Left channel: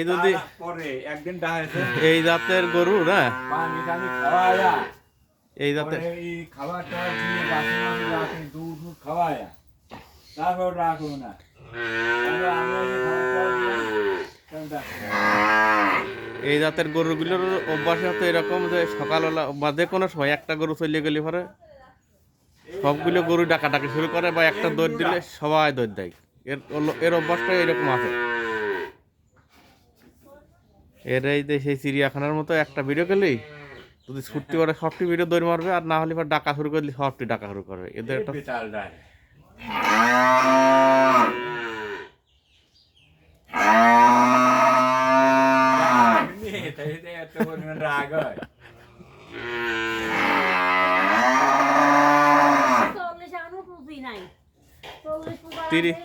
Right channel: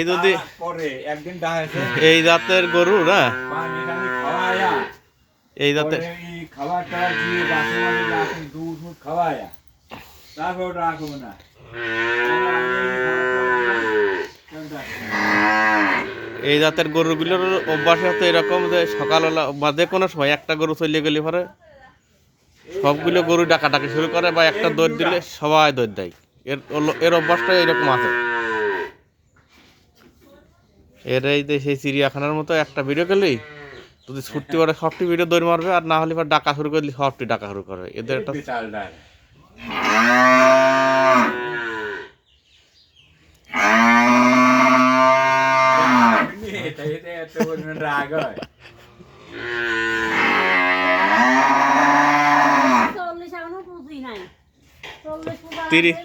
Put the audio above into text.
এই যদি পরে একদিন ডাকে এই জাতের গরু না পানি টানি খাওয়ায়া এই জাতের এই খাবার টাবার দিয়ে গাছে মাঝে রাখে দুধ মুধ খাওয়ায়া তারপর রাখবো না এই জাতের গরুগুলোর অভ্যাস হচ্ছে এরকম যে সকালবেলা বা যে কোনো সময় একটা গরু চলে গেলে পরে সবগুলো গরু ডাকাডাকি শুরু করে বা একটা দৌড় দিলে সবাই দৌড় দেয় এর অভ্যাসটা এরকম আছে এর এই যে সেই চিড়িয়াখানার মতো একটা ভিডিও করলেই যদি ছুটতে পারে সবটি ভিডিও দৌড় মারবে আর না হলে পর ডাকা শুরু করলে সবটি ডাকা শুরু করবে এদের একটা রাগ হয় তিরিশ